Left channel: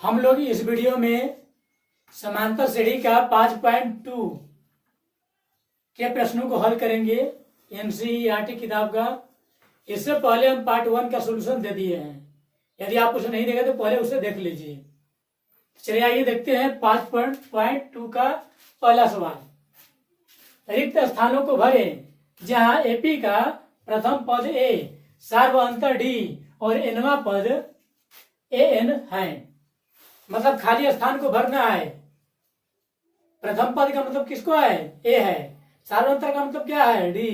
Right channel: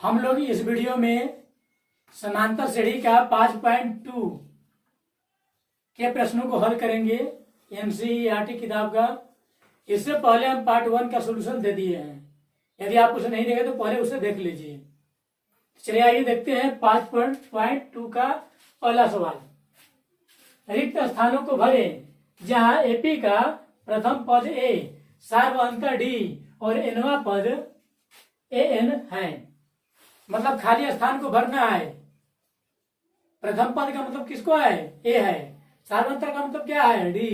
हम लोग इस वीडियो में समांतर श्रेणी का 5.2 के प्रश्नों को हल करेंगे एनसीईआरटी किताब का। इससे पहले हम पार्ट 1 का सॉल्यूशन दे दिए हैं। यदि आप उसे नहीं देखे तो पहले उसे देख लीजिए। चलिए आइए देखते हैं 5.2 का पहला सवाल। रिक्त स्थानों को भरें जहां एपी का प्रथम पद ए, सार्वअंतर डी और एनवा पद एन है। मतलब खाली स्थान को भरना है। प्रथम पद का मतलब किसको है? ए है। सार्वअंतर का मतलब क्या है? डी।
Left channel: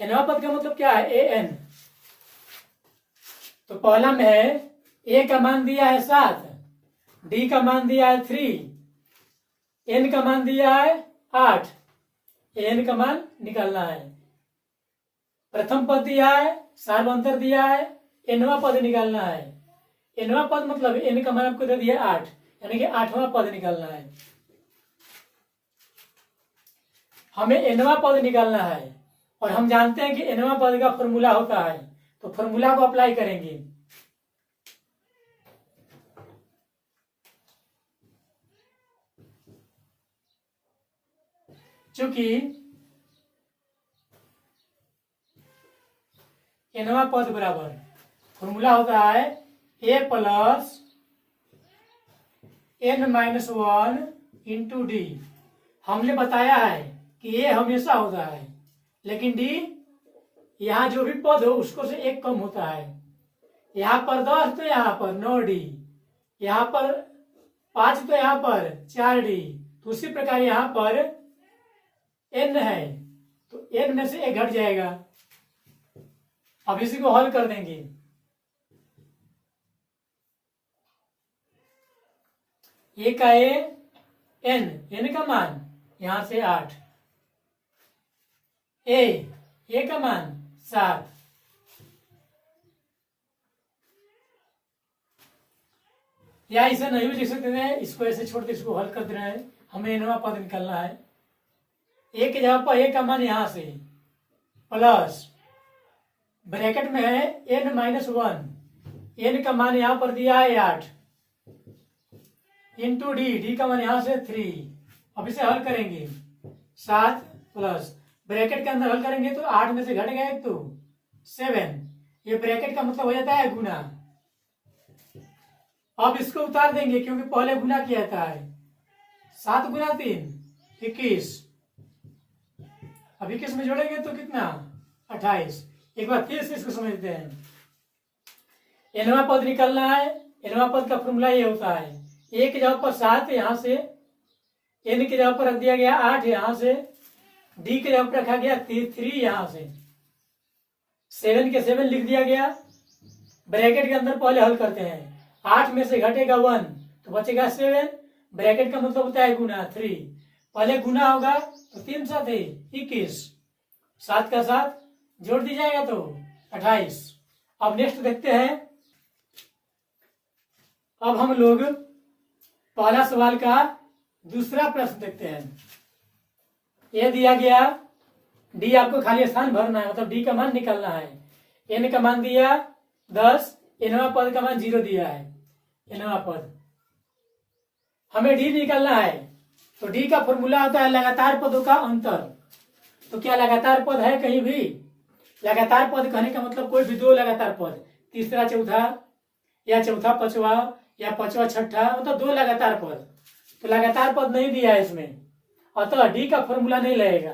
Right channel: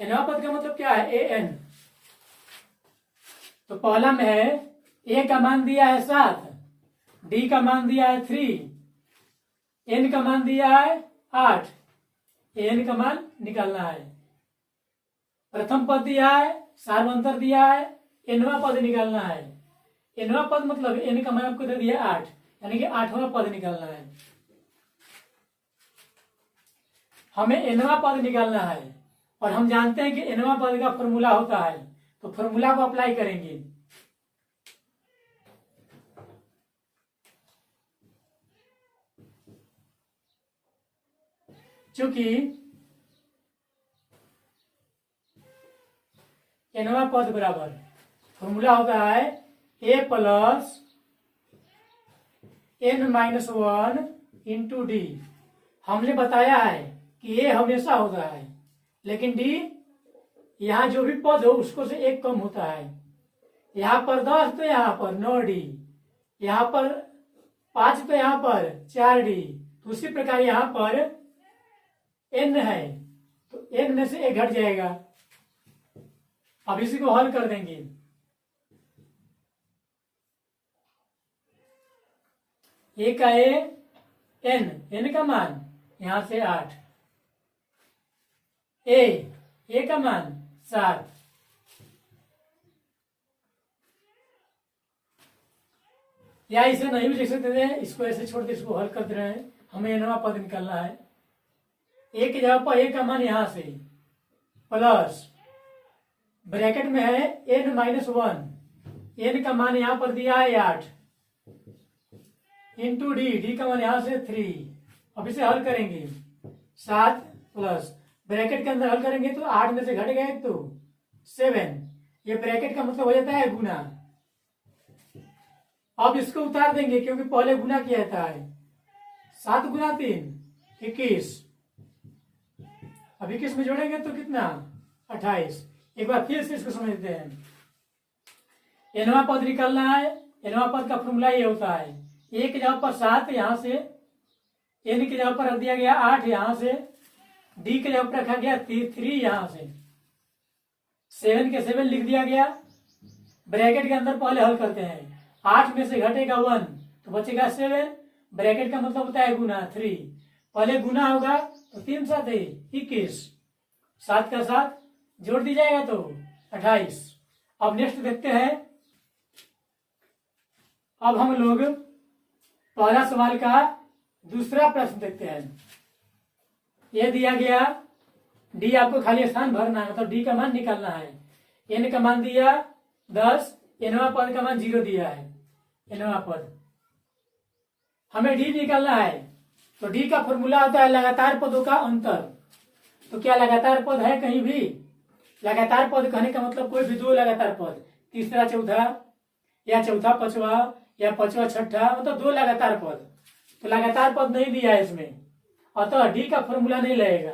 एनवा पद का मतलब क्या है? A N. तो पहला में है ए का मान दिया है 7, डी का मान दिया है 3, एन का मान दिया है 8। एन का मान निकालना है। प्रथम पद दिया है, सार्वअंतर दिया है, एनवा पद निकालना है। एनवा पद मतलब एन का मान आपको दे दिया 8, यानी कि 8वां पद निकालना है। हमें एनवा पद निकालना है और हम जानते हैं कि एनवा पद का फॉर्मूला होता है, तो फॉर्मूला को अप्लाई करेंगे। चूंकि एनवा पद बराबर फॉर्मूला होता है A plus N minus 1 into D. हमने बताया है कि ए हमेशा होता है, लेकिन डी यहां जो भी पद हो उसको से एक कम होता है। यहां पर 10 तो यहां पर 9 डी, यहां पर 5 तो यहां पर 4 डी। तो उसी प्रकार यहां पर एन है तो एन में से एक घट जाएगा। अब इसी को हल कर देंगे। ए का एन का मान यहां से 8, ए का मान 7, या इसे नहीं भी लिख सकते थे, इसको ऐसे छोड़ के इसको हल कर दे रहे हैं। हमें एनवा पद निकालना है। ए की जगह पर ए का मान यहां से प्लस ब्रैकेट में है एन माइनस 1, एन का मान यहां पर दिया है 8 इंटू डी का मान यहां से 3। अब इसे हल करेंगे 7 प्लस ब्रैकेट के अंदर हल करेंगे तो 8 में से घट गए तो 7। ये ब्रैकेट का मतलब हो जाता है गुना। अब इसको उतार देंगे क्योंकि पहले गुना किया जाता है। 7 गुना 3 21। अब 21 में जोड़ेंगे तो कितना? 28। एक बार फिर से इसको समझते हैं। एनवा पद निकालना है। एनवा पद का फॉर्मूला ये होता है ए की जगह पर 7 यहां से, एन की जगह पर रख दिया गया 8 यहां से, डी की जगह पर रखा गया 3 यहां से, 7 के 7 लिख दिया गया। ब्रैकेट के अंदर पहले हल करते हैं। 8 में से घटेगा 1 तो बचेगा 7। ब्रैकेट का मतलब होता है गुना 3। पहले गुना होगा तो 3 7 21, 7 का 7 जोड़ दी जाएगा तो 28। अब नेक्स्ट देखते हैं। अब हम लोग पहला सवाल का दूसरा प्रश्न देखते हैं। यह दिया गया डी, आपको खाली स्थान भरना है, मतलब डी का मान निकालना है। एन का मान दिया 10, एनवा पद का मान 0 दिया है। एनवा पद हमें डी निकालना है, तो डी का फॉर्मूला होता है लगातार पदों का अंतर। तो क्या लगातार पद है कहीं भी? लगातार पद कहने का मतलब कोई भी 2 लगातार पद, तीसरा चौथा या चौथा पांचवा या पांचवा छठा, मतलब 2 लगातार पद। तो लगातार पद नहीं दिया है इसमें, अतः डी का फॉर्मूला नहीं लगेगा।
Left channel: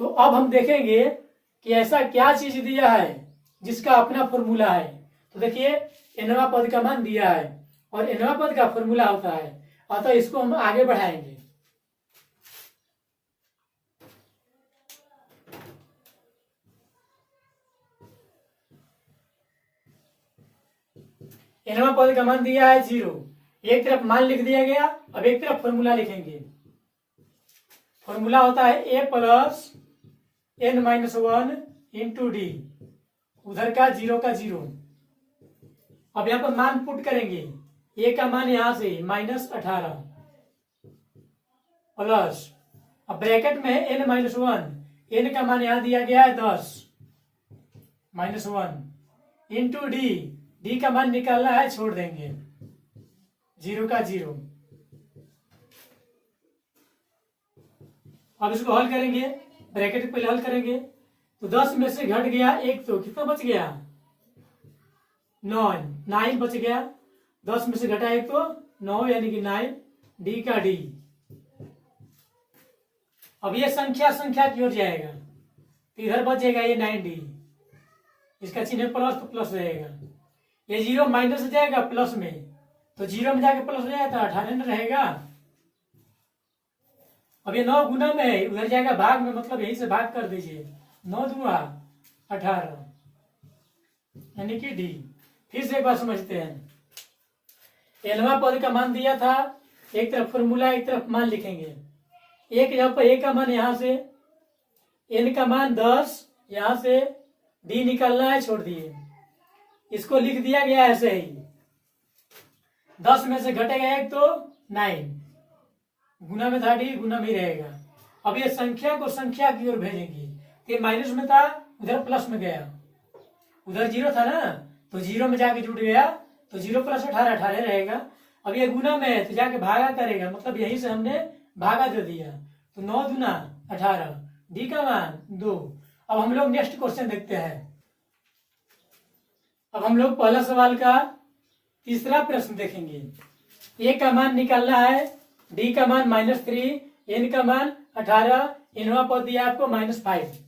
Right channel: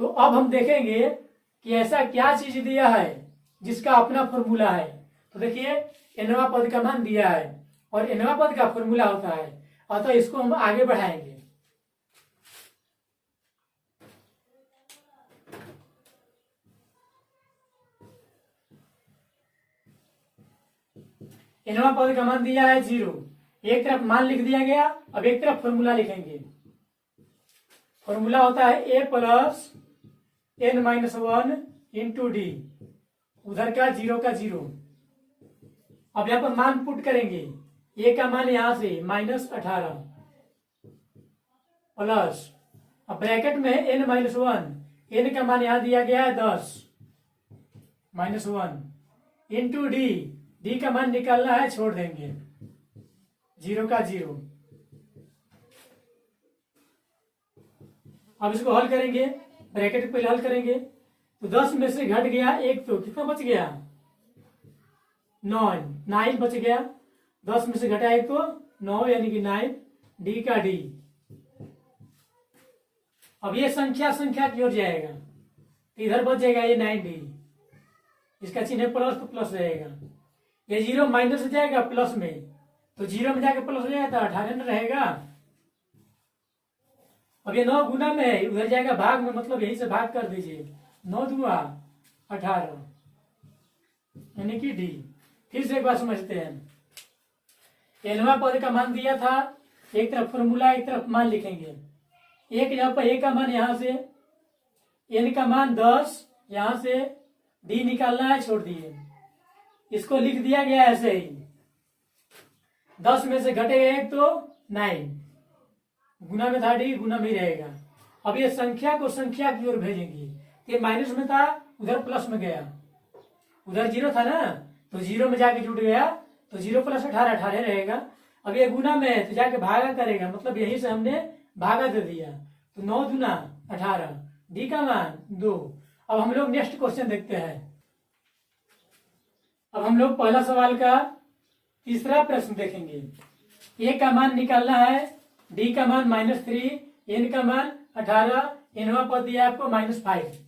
तो अब हम देखेंगे कि ऐसा क्या चीज दिया है जिसका अपना फॉर्मूला है। तो देखिए एनवा पद का मान दिया है और एनवा पद का फॉर्मूला होता है, अतः इसको हम आगे बढ़ाएंगे। एनवा पद का मान दिया है 0। एक तरफ मान लिख दिया गया, अब एक तरफ फॉर्मूला लिखेंगे। फॉर्मूला होता है A plus N minus 1 into D, उधर का 0 का 0। अब यहां पर मान पुट करेंगे। ए का मान यहां से -18 प्लस, अब ब्रैकेट में एन माइनस 1, एन का मान यहां दिया गया है 10 -1 इंटू डी, डी का मान निकालना है, छोड़ देंगे 0 का 0। अब इसको हल करेंगे, ब्रैकेट पहले हल करेंगे तो 10 में से घट गया 1, तो कितना बच गया 9 बच गया। 10 में से घटा 1 तो 9 यानी कि 9, डी का डी। अब ये संख्या की ओर जाएगा तो इधर बच जाएगा ये 9D, इसका चिन्ह प्लस तो प्लस रहेगा। ये 0 माइनस हो जाएगा प्लस में, तो 0 में जाके प्लस हो जाएगा तो 18 में रहेगा। अब ये 9 गुना में है, उधर जाएगा भाग में, मतलब यही से भाग कर दीजिए। 9 दूना 18 यानी कि डी। फिर से एक बार समझते हैं। एनवा पद का मान दिया था, एक तरफ फॉर्मूला एक तरफ मान लिखेंगे। एक यहाँ पर ए का मान यहां से, एन का मान 10, यहां से डी निकालना है, छोड़ दिए। इसको लिख दिया गया ऐसे ही। 10 में से घटेगा 1 तो 9, गुना में था डी, गुना में ही रहेगा। अब ये संख्या को संख्या की ओर भेजेंगे। ये माइनस में था, उधर प्लस में गया, उधर 0 था ना, तो 0 में जाके जुड़ गया, तो 0 प्लस 18 18 रहेगा। अब ये गुना में है तो जाके भागा करेगा, मतलब यहीं से हमने भागा दे दिया, तो 9 दूना 18, डी का मान 2। अब हम लोग नेक्स्ट क्वेश्चन देखते हैं। अब हम लोग पहला सवाल का तीसरा प्रश्न देखेंगे। ए का मान निकालना है, डी का मान -3, एन का मान 18, एनवा पद दिया आपको -5।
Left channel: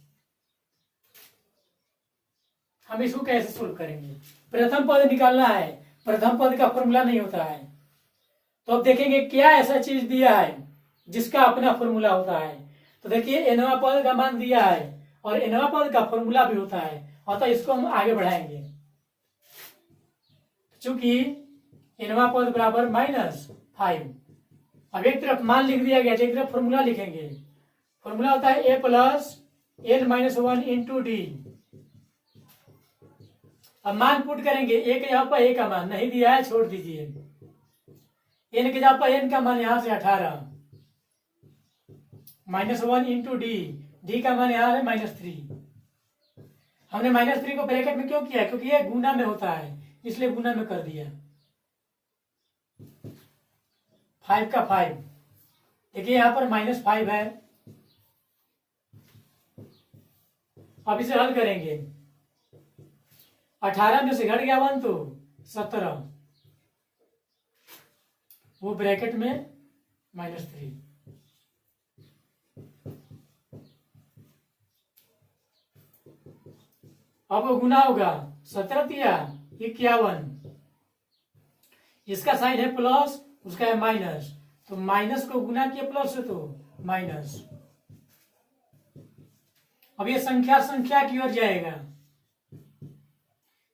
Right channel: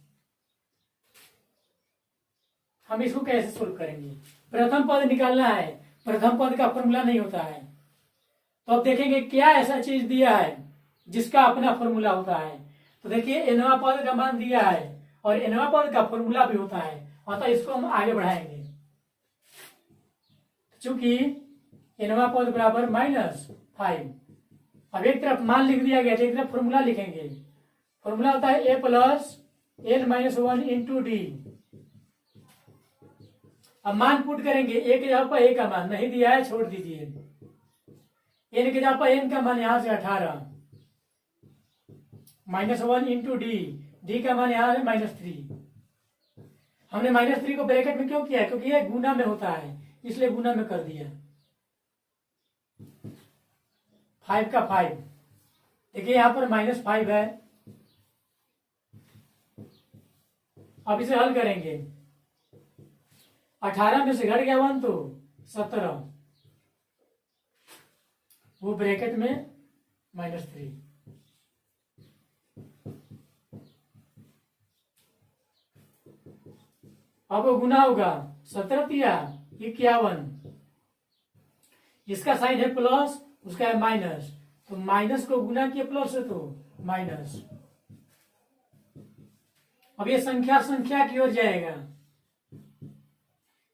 हम इसको कैसे सोल्व करेंगे? प्रथम पद निकालना है, प्रथम पद का फॉर्मूला नहीं होता है। तो अब देखेंगे क्या ऐसा चीज दिया है जिसका अपना फॉर्मूला होता है। तो देखिए एनवा पद का मान दिया है और एनवा पद का फॉर्मूला भी होता है, अतः इसको हम आगे बढ़ाएंगे। चूंकि एनवा पद बराबर -5, अब एक तरफ मान लिख दिया गया, एक तरफ फॉर्मूला लिखेंगे। फॉर्मूला होता है a plus n-1 into D. अब मान पुट करेंगे, ए के जगह पर ए का मान नहीं दिया है, छोड़ दीजिए। एन के जगह पर एन का मान यहां से 18, -1 इंटू डी, डी का मान यहां है -3। हमने -3 को ब्रैकेट में क्यों किया? क्योंकि ये गुना में होता है, इसलिए गुना में कर दिया। 5 का 5, देखिए यहां पर -5 है। अब इसे हल करेंगे, 18 में से घट गया 1 तो 17, वो ब्रैकेट में -3। अब वो गुना होगा, 17 तिया 51, इसका साइन है प्लस, उसका है माइनस, तो माइनस को गुना किया प्लस से तो माइनस। अब ये संख्या की ओर जाएगा,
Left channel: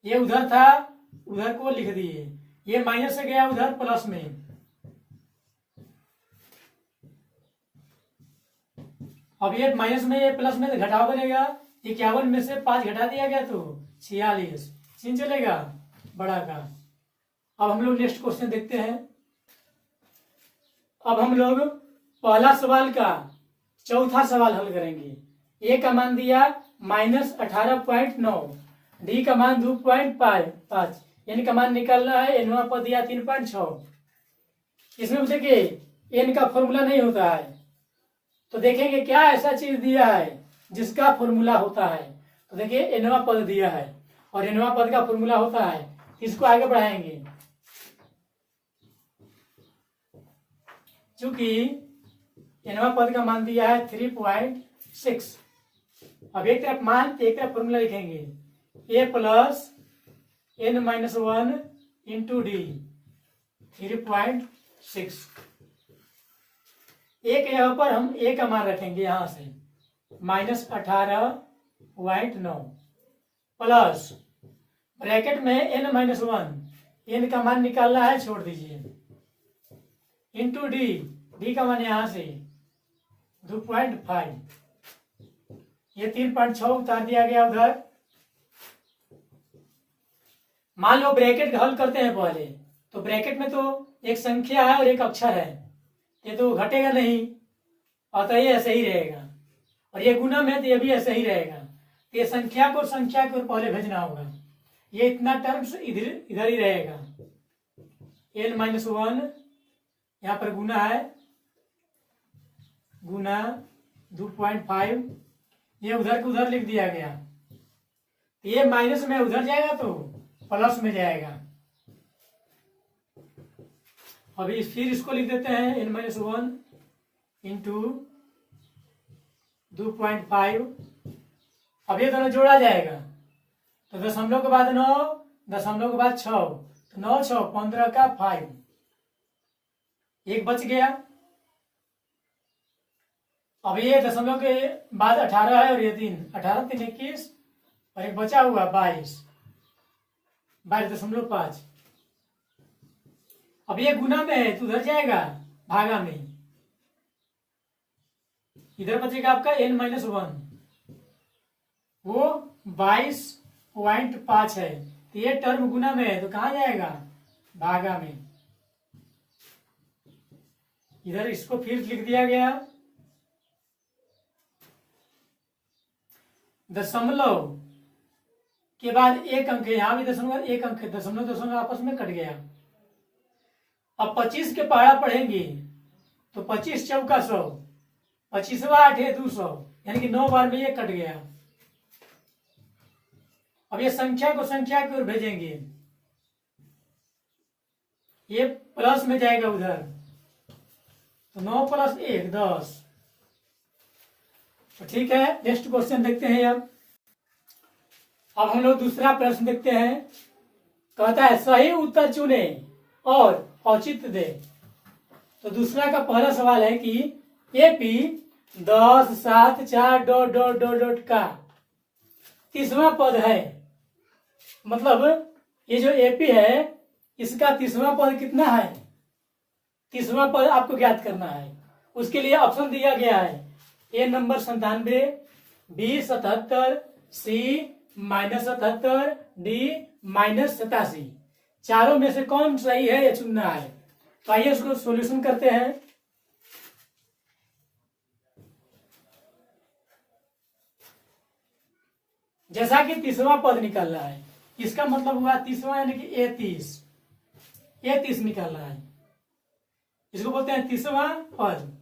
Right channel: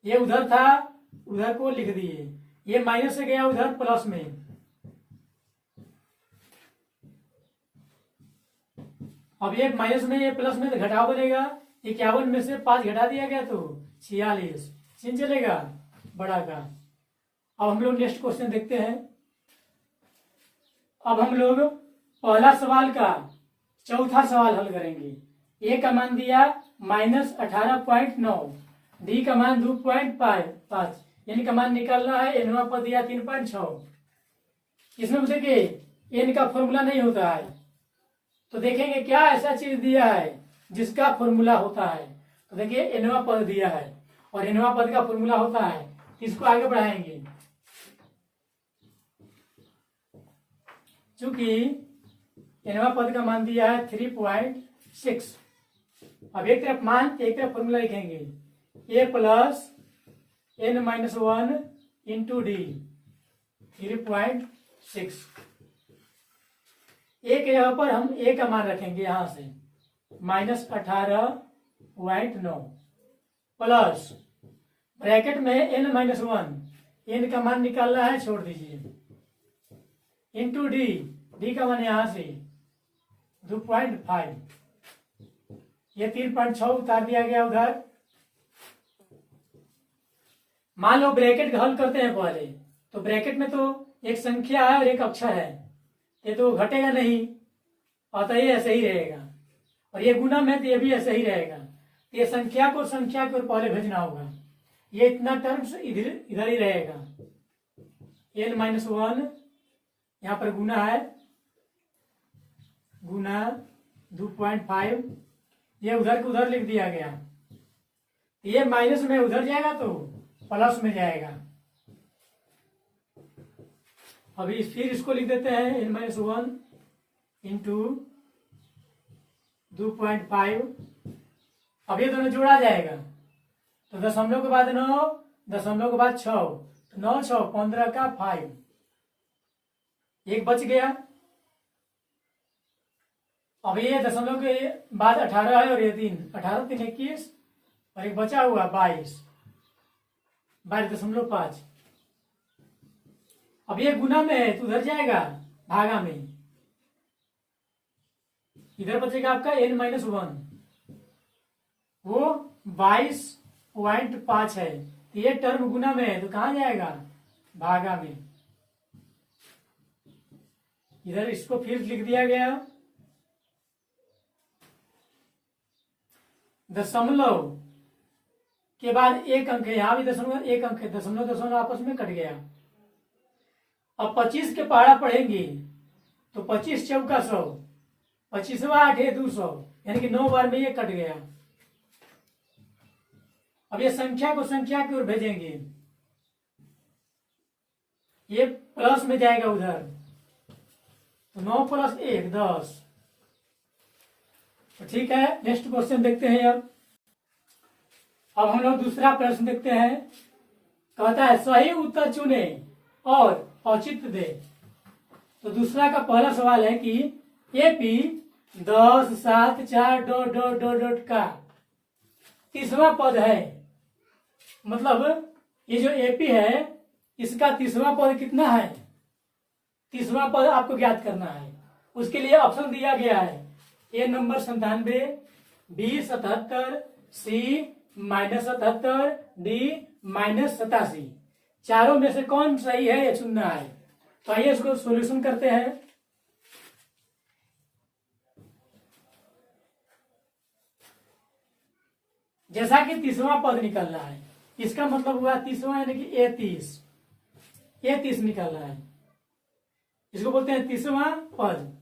ये उधर था, उधर को लिख दिए, ये माइनस से गया उधर प्लस में। अब ये माइनस में, ये प्लस में तो घटाव बनेगा। 51 में से 5 घटा दिया गया तो 46, चिन्ह चलेगा बड़ा का। अब हम लोग नेक्स्ट क्वेश्चन देखते हैं। अब हम लोग पहला सवाल का चौथा सवाल हल करेंगे। ए का मान दिया -18.9, डी का मान 2.5, एन का मान निकालना है, एनवा पद दिया 3.6। इसमें देखिए एन का फॉर्मूला नहीं होता है, तो देखेंगे क्या ऐसा चीज दिया है जिसका फॉर्मूला होता है। तो देखिए एनवा पद दिया है और एनवा पद का फॉर्मूला होता है, इसको आगे बढ़ाएंगे। चूंकि एनवा पद का मान दिया है 3.6, अब एक तरफ मान एक तरफ फॉर्मूला लिखेंगे, a plus n-1 into D 3.6। ए के जगह पर हम ए का मान रखेंगे यहां से -18.9 प्लस ब्रैकेट में n-1, एन का मान निकालना है, छोड़ दीजिए, इंटू डी, डी का मान यहां से 2.5, ये 3.6 उतार दिया गया उधर। मान लो ब्रैकेट हल करते हैं पहले, तो ब्रैकेट में तो एक संख्या है और एक अक्षर है, ये तो घटेगा नहीं, अतः ये ऐसे ही रहेगा। और ये गुना में तो ये भी ऐसे ही रहेगा। तो ये संख्या को संख्या की ओर पहले भेजना होगा, ये इतना टर्म्स इधर ही रहेगा, n-1 यहाँ पर गुना है, गुना 2.5, ये उधर के उधर लिख दिया गया, ये माइनस में उधर जाएगा तो प्लस में जाएगा। अभी फिर इसको लिख देते हैं n-1 इंटू 2.5। अब ये दोनों जोड़ा जाएगा तो दशमलव के बाद 9, दशमलव के बाद 6, तो 9 6 15 का 5, एक बच गया। अब ये दशमलव के बाद 18 है और ये 3, 18 3 21 और एक बचा हुआ 22.5। अब ये गुना में है तो उधर जाएगा भागा में, इधर बचेगा आपका n-1, वो 22.5 है, तो ये टर्म गुना में है तो कहां जाएगा भागा में। इधर इसको फिर लिख दिया गया, दशमलव के बाद एक अंक है, यहां भी दशमलव एक अंक है, दशमलव दशमलव आपस में कट गया। अब 25 के पहाड़ा पढ़ेंगे तो 25 चौका 100, 25वां 8 है 200, यानी कि 9 बार में ये कट गया। अब ये संख्या को संख्या की ओर भेजेंगे, ये प्लस में जाएगा उधर, तो 9 + 1 10। तो ठीक है, नेक्स्ट क्वेश्चन देखते हैं। अब हम लोग दूसरा प्रश्न देखते हैं। कहता है सही उत्तर चुने और औचित्य दे। तो दूसरा का पहला सवाल है कि एपी 10 7 4 ... का 30वां पद है, मतलब ये जो एपी है इसका 30वां पद कितना है, 30वां पद आपको ज्ञात करना है। उसके लिए ऑप्शन दिया गया है, ए नंबर 97, बी 77, सी -77, डी -87। चारों में से कौन सही है ये चुनना है। तो आइए इसको सॉल्यूशन करते हैं। जैसा कि 30वां पद निकल रहा है, इसका मतलब हुआ 30वां यानी कि ए30 निकल रहा है, इसको बोलते हैं 30वां पद।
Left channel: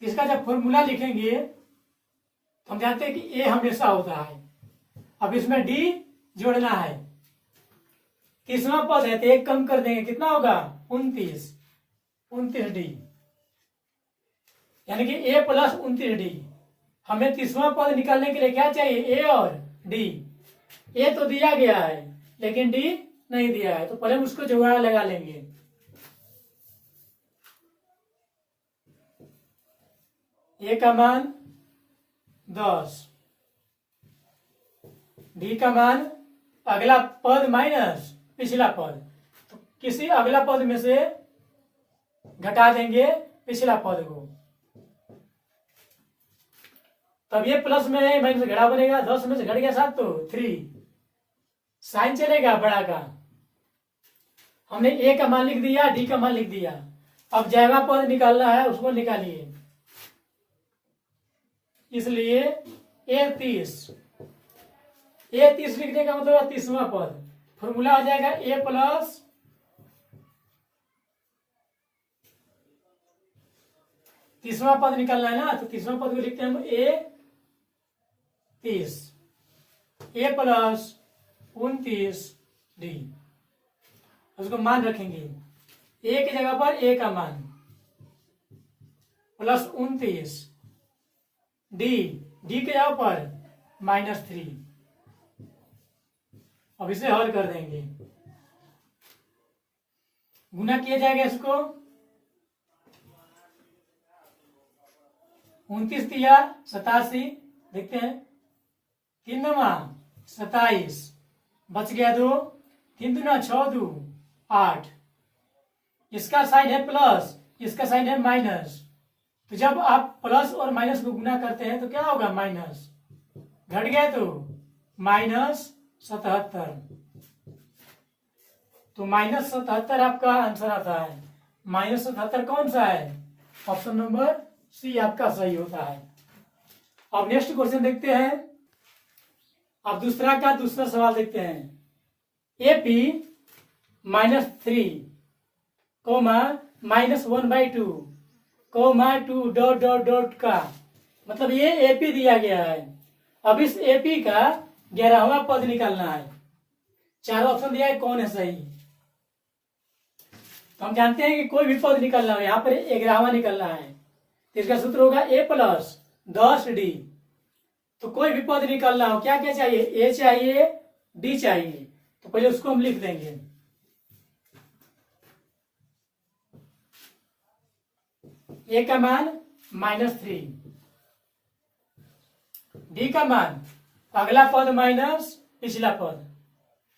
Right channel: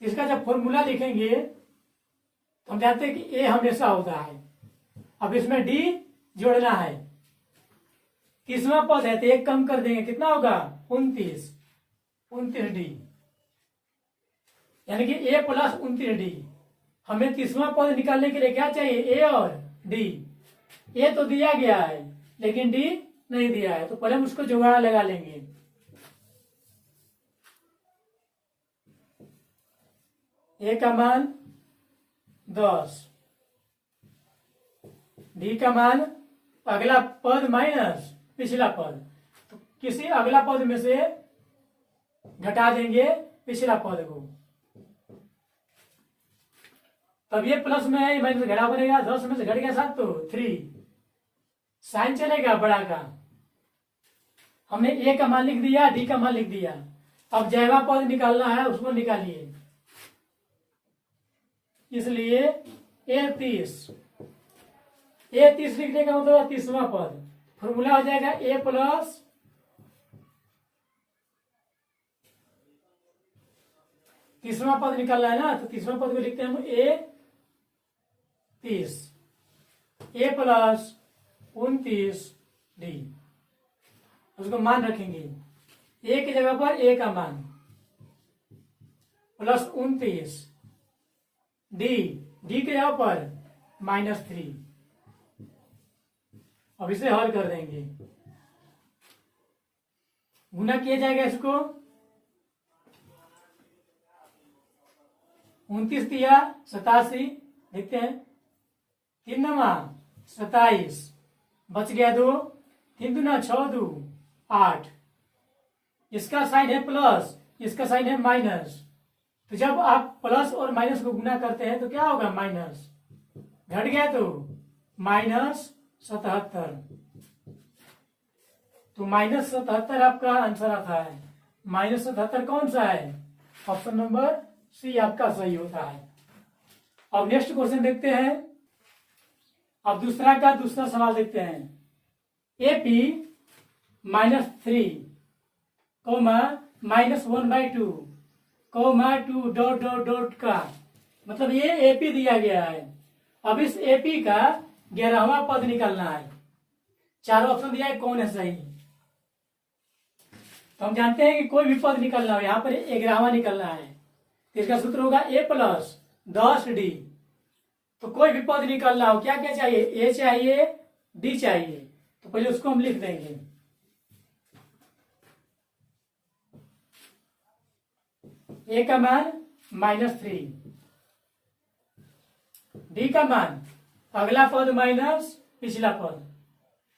इसका जब फॉर्मूला लिखेंगे तो हम जानते हैं कि ए हमेशा होता है। अब इसमें डी जोड़ना है, 30वां पद है तो एक कम कर देंगे, कितना होगा 29 डी, यानी कि ए प्लस 29 डी। हमें 30वां पद निकालने के लिए क्या चाहिए, ए और डी। ए तो दिया गया है लेकिन डी नहीं दिया है, तो पहले हम उसको जुगाड़ लगा लेंगे। ए का मान 10, डी का मान अगला पद माइनस पिछला पद, तो किसी अगला पद में से घटा देंगे पिछला पद को, तब ये प्लस में है, माइनस घटा बनेगा। 10 में से घट गया 7 तो 3, साइन चलेगा बड़ा का। हमने ए का मान लिख दिया, डी का मान लिख दिया। अब जैवा पद निकालना है, उसको निकालिए। इसलिए ए30 लिखने का मतलब 30वां पद, फॉर्मूला हो जाएगा ए प्लस 30वां पद निकालना है ना, तो 30वां पद को लिखते हैं हम ए30, ए प्लस 29 डी। उसको मान रखेंगे, ए की जगह पर ए का मान प्लस 29, डी की जगह पर -3। अब इसे हल कर देंगे, गुना किया जाएगा इसको, 29 दिया 87, देखते हैं 3 27, बच गया 2, 3 दूना 6 2 8। इसका साइन है प्लस, इसका साइन है माइनस, तो जब आप प्लस और माइनस को गुना करते हैं तो क्या होगा, माइनस, घट गया तो -77, तो -77 आपका आंसर आता है। -77 कौन सा है, ऑप्शन नंबर सी आपका सही होता है। अब नेक्स्ट क्वेश्चन देखते हैं। अब दूसरा सवाल देखते हैं। AP -3 comma -1/2 comma 2 dot dot dot का, मतलब ये एपी दिया गया है। अब इस एपी का 11वां पद निकालना है। चारों ऑप्शन दिया है, कौन है सही। तो हम जानते हैं कि कोई भी पद निकलना हो, यहाँ पर 11वां निकलना है, तो इसका सूत्र होगा a+10d। तो कोई भी पद निकलना हो, क्या क्या चाहिए, ए चाहिए, डी चाहिए। तो पहले उसको हम लिख देंगे। ए का मान -3, डी का मान अगला पद माइनस पिछला पद।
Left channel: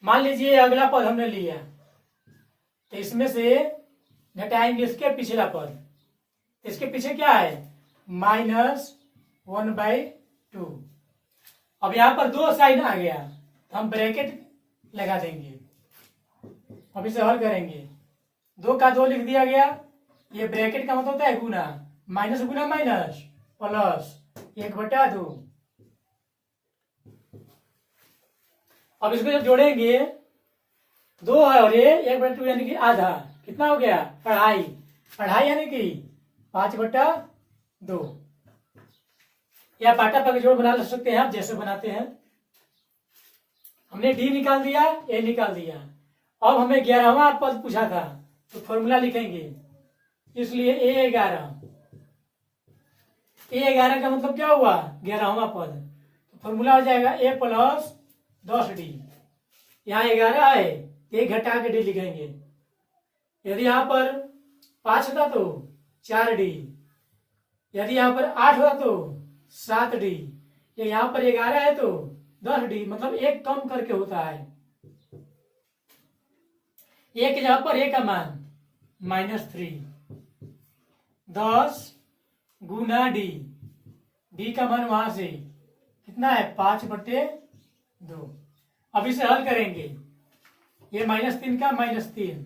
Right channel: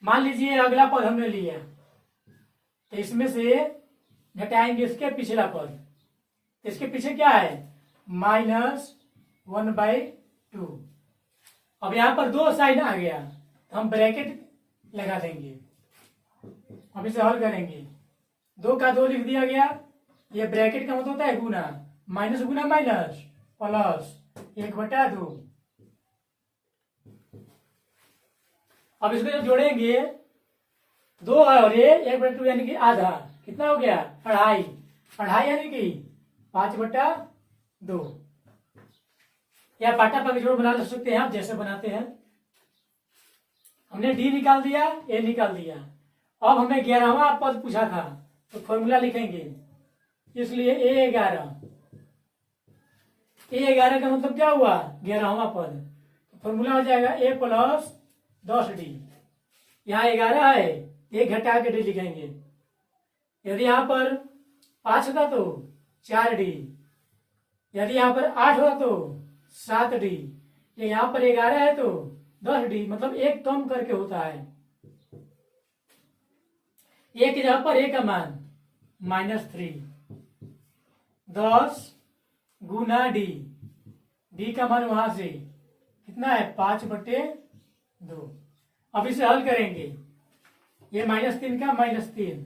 मान लीजिए अगला पद हमने लिया, तो इसमें से घटाएंगे इसके पिछला पद। इसके पीछे क्या है, -1/2। अब यहां पर 2 साइन आ गया, तो हम ब्रैकेट लगा देंगे। अब इसे हल करेंगे, 2 का 2 लिख दिया गया। ये ब्रैकेट का मतलब होता है गुना, माइनस गुना माइनस प्लस 1/2। अब इसको जब जोड़ेंगे, 2 है और ये 1/2 यानी कि आधा, कितना हो गया, 2.5। 2.5 यानी कि 5/2। या पाटा पर जोड़ बना सकते हैं आप, जैसे बनाते हैं। हमने डी निकाल दिया, ए निकाल दिया। अब हमें 11वां पद पूछा था, तो फॉर्मूला लिखेंगे। इसलिए A11 का मतलब क्या हुआ, 11वां पद। तो फॉर्मूला हो जाएगा A+10d। यहाँ 11 है, 1 घटा के डी लिखेंगे। यदि यहाँ पर 5 होता तो 4d, यदि यहाँ पर 8 होता तो 7d, यहाँ पर 11 है तो 10d, मतलब 1 कम करके होता है। एक की जगह पर ए का मान -3, 10 गुना डी, डी का मान वहां से कितना है, 5/2। अब इसे हल करेंगे, ये -3 का -3,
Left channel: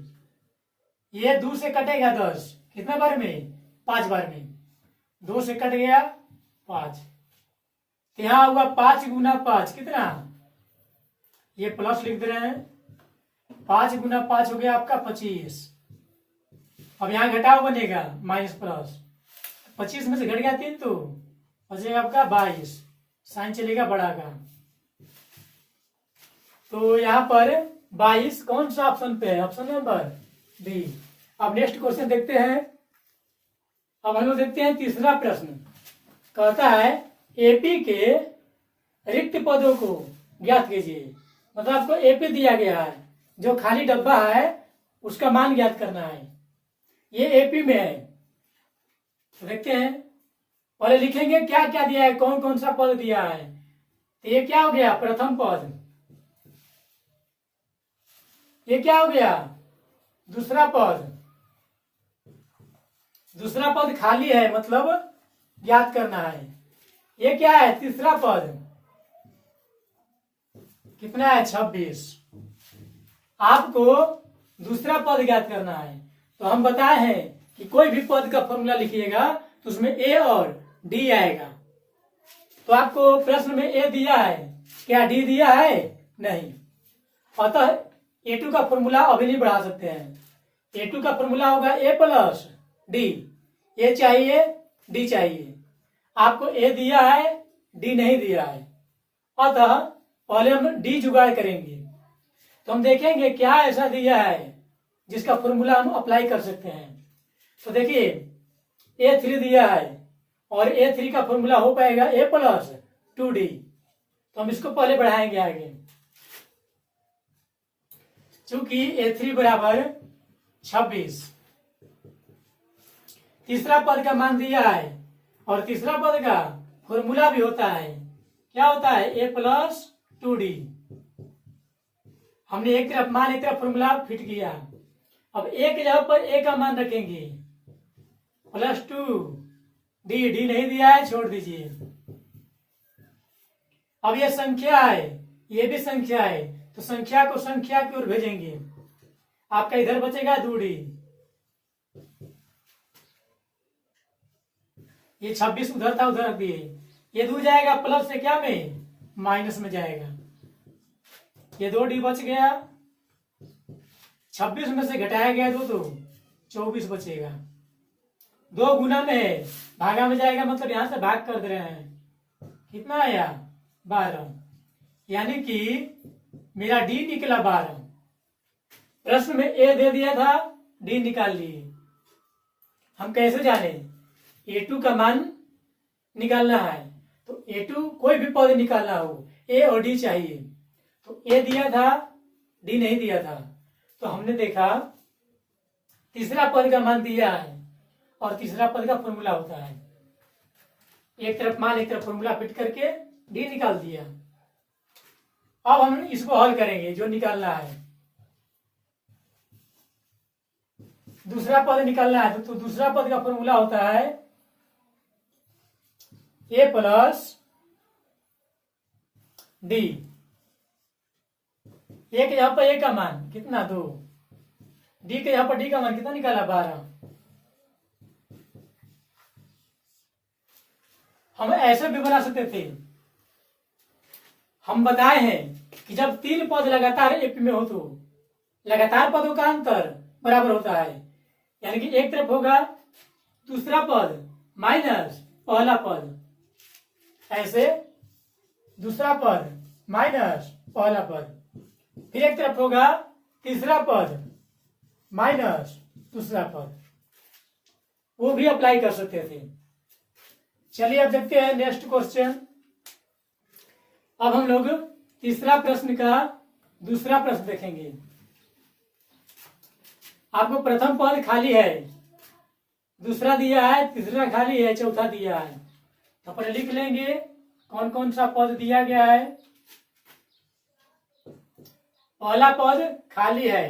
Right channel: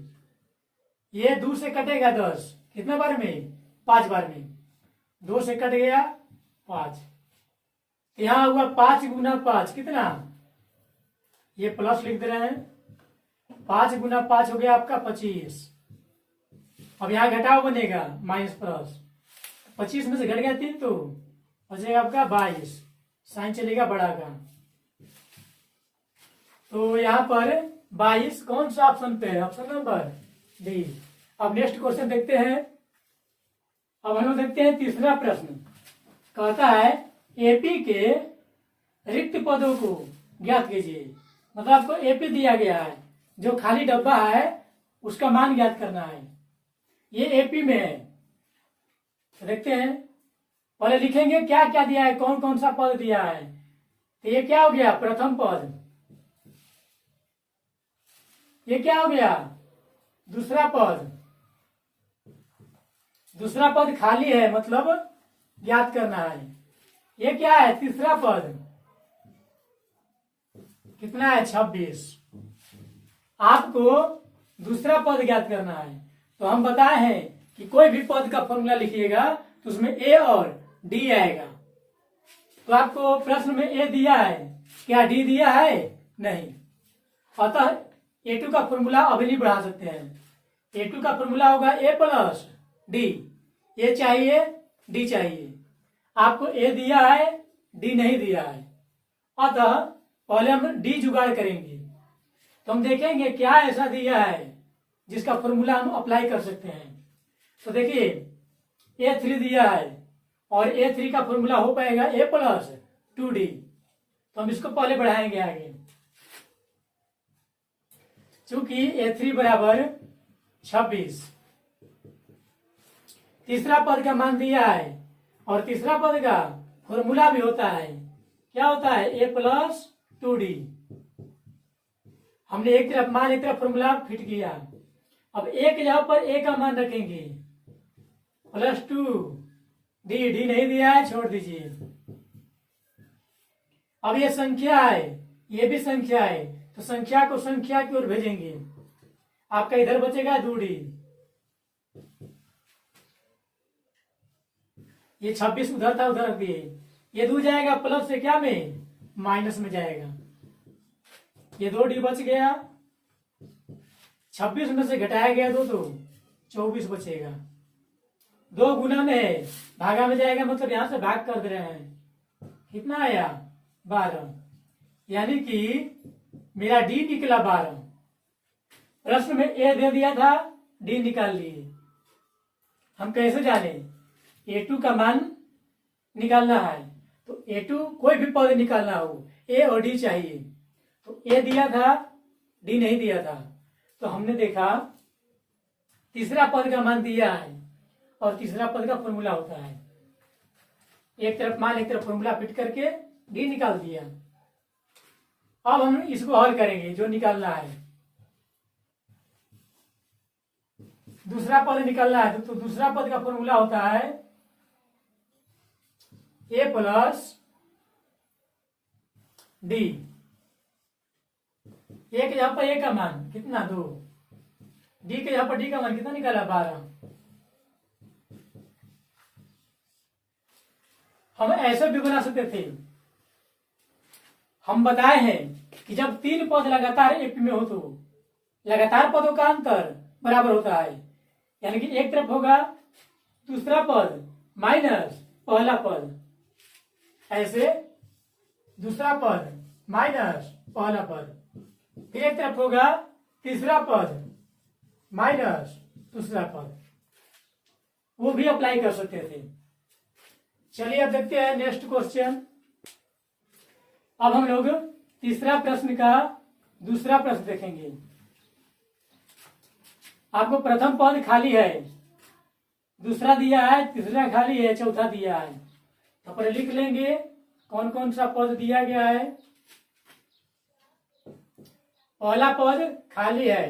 ये 2 से कटेगा 10, कितने बार में, 5 बार में। 2 से कट गया 5, यहां हुआ 5 गुना 5 कितना, ये प्लस लिख दे रहे हैं। 5 गुना 5 हो गया आपका 25। अब यहाँ घटाव बनेगा माइनस प्लस, 25 में से घट गया 3 तो बचेगा आपका 22, साइन चलेगा बड़ा का। तो यहाँ पर 22 कौन सा ऑप्शन पे है, ऑप्शन नंबर डी। अब नेक्स्ट क्वेश्चन देखते हैं। अब हम लोग देखते हैं तीसरा प्रश्न। कहता है एपी के रिक्त पदों को ज्ञात कीजिए। मतलब आपको एपी दिया गया है, जो खाली डब्बा है उसका मान ज्ञात करना है। ये एपी में है, तो देखते हैं। पहले लिखेंगे क्या क्या दिया है, कौन कौन सा पद दिया है। तो ये क्या हो गया, प्रथम पद। ये क्या हो गया, दूसरा पद। दूसरा पद खाली है, मतलब ज्ञात करना है। ये क्या है, तीसरा पद। कितना है, 26। आपको दूसरा पद ज्ञात करना है। तो हम बताए हैं कि कोई भी पद का फॉर्मूला लिखिएगा तो उसमें ए और डी आएगा। तो आपको प्रश्न में ए दिया है, क्या डी दिया है, नहीं। अतः A2 का फॉर्मूला अभी नहीं बढ़ा सकते हैं। A2 का फॉर्मूला होगा A+D। ए चाहिए, डी चाहिए। आपको ए दिया है, डी नहीं दिया है, अतः पहले हम डी जुगाड़ करेंगे। तो हम देखेंगे क्या ऐसा दिया है जिसका फॉर्मूला हम अप्लाई कर सकते हैं। तो देखिए A3 दिया है और A3 का फॉर्मूला हो पाएगा A+2D। तो हम इसको पहले बढ़ाएंगे आगे, चूंकि A3 बराबर 26। तीसरा पद का मान दिया है और तीसरा पद का फॉर्मूला भी होता है, क्या होता है, A+2D। हमने एक तरफ मान, एक तरफ फॉर्मूला फिट किया। अब ए की जगह पर ए का मान रखेंगे, +2D। डी नहीं दिया है, छोड़ दीजिए। अब ये संख्या है, ये भी संख्या है, तो संख्या को संख्या की ओर भेजेंगे। आपका इधर बचेगा 2D। ये 26 उधर था, उधर रख दिए। ये 2 जाएगा प्लस से क्या में, माइनस में जाएगा। ये 2D बच गया, 26 में से घटाया गया 2 तो 24 बचेगा। 2 गुना में है, भागा में जाएगा मतलब यहां से भाग कर दे रहे हैं। कितना आया? 12। यानी कि मेरा डी निकला 12। प्रश्न में ए दे दिया था, डी निकाल लिए। हम कैसे जाने? A2 का मान निकालना है, तो A2 कोई भी पद निकालना हो, ए और डी चाहिए। तो ए दिया था, डी नहीं दिया था, तो हमने देखा तीसरा पद का मान दिया है और तीसरा पद का फॉर्मूला होता है। एक तरफ मान एक तरफ फॉर्मूला फिट करके डी निकाल दिया। अब हम इसको हल करेंगे, जो निकालना है। दूसरा पद निकालना है, तो दूसरा पद का फॉर्मूला होता है ए प्लस डी। ए के यहां पर ए का मान कितना? 2। डी के यहां पर डी का मान कितना निकाला? 12। हम ऐसे भी बना सकते थे। हम बताए हैं कि जब 3 पद लगातार एक में हो तो लगातार पदों का अंतर बराबर होता है। यानी कि एक तरफ होगा दूसरा पद माइनस पहला पद, ऐसे दूसरा पद माइनस पहला पद, फिर एक तरफ होगा तीसरा पद माइनस दूसरा पद। वो भी अप्लाई कर सकते थे। चलिए अब देखते हैं नेक्स्ट क्वेश्चन। अब हम लोग तीसरा प्रश्न का दूसरा प्रश्न देखेंगे। आपको प्रथम पद खाली है, दूसरा दिया है, तीसरा खाली है, चौथा दिया है। तो पर लिख लेंगे कौन कौन सा पद दिया गया है। पहला पद खाली है,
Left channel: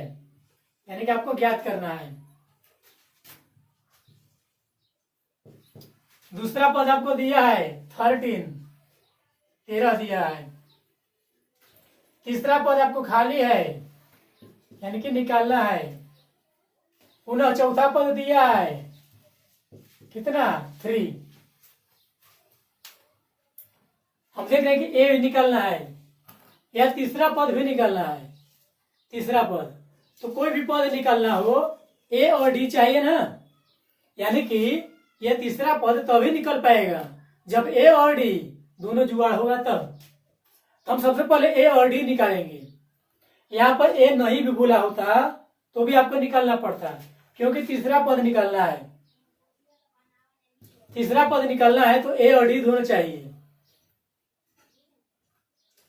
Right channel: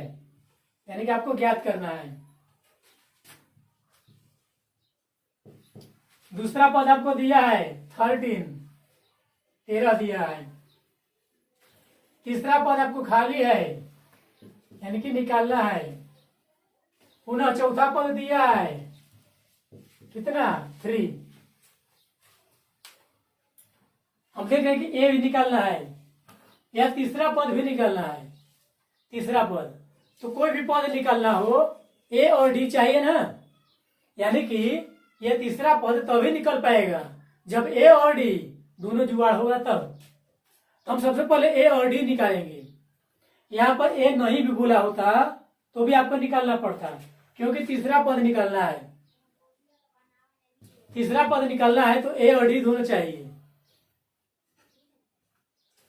यानी कि आपको ज्ञात करना है। दूसरा पद आपको दिया है 13 दिया है। तीसरा पद आपको खाली है, यानी कि निकालना है। पुनः चौथा पद दिया है कितना? 3। हम देख रहे हैं कि ए भी निकालना है या तीसरा पद भी निकालना है। तीसरा पद तो कोई भी पद निकालना हो, ए और डी चाहिए ना। यानी कि ये तीसरा पद तभी निकल पाएगा जब ए और डी दोनों जुगाड़ होगा तब। हम सबसे पहले ए और डी निकालेंगे। यहाँ पर ए नहीं भी बोला होता तो भी आपको निकालना पड़ता, क्योंकि तीसरा पद निकालना है। तीसरा पद निकालना है तो ए और डी दोनों चाहिए।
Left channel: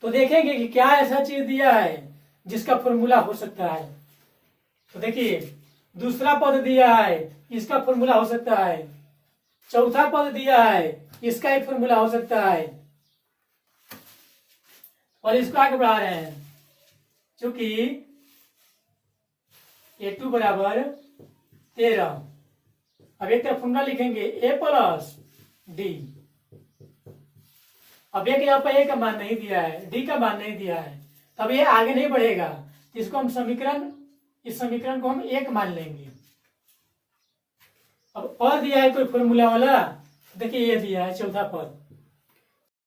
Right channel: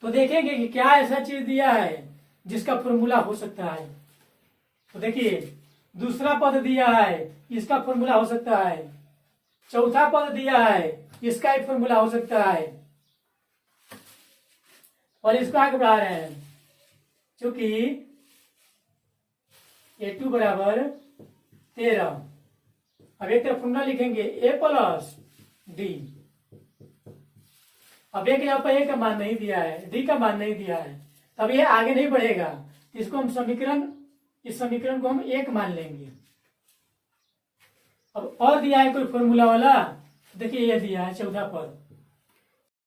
तो देखेंगे कि क्या ऐसा चीज दिया है जिसका फॉर्मूला हो सकता है। तो देखिए दूसरा पद दिया है, इसका फॉर्मूला हो सकता है। चौथा पद दिया है, इसका एक फॉर्मूला हो सकता है। और इसको आगे बढ़ा रहे हैं, क्योंकि A2 बराबर 13। अब एक तरफ फॉर्मूला लिखेंगे ए प्लस डी। अब एक यहाँ पर ए का मान नहीं दिया है, डी का मान नहीं दिया है, तब ये आगे नहीं बढ़ेगा। इसको हम इस समीकरण को हम 1 मान लेंगे। अब और दिया है कोई फॉर्मूला वाला, देखिए ये दिया है चौथा पद,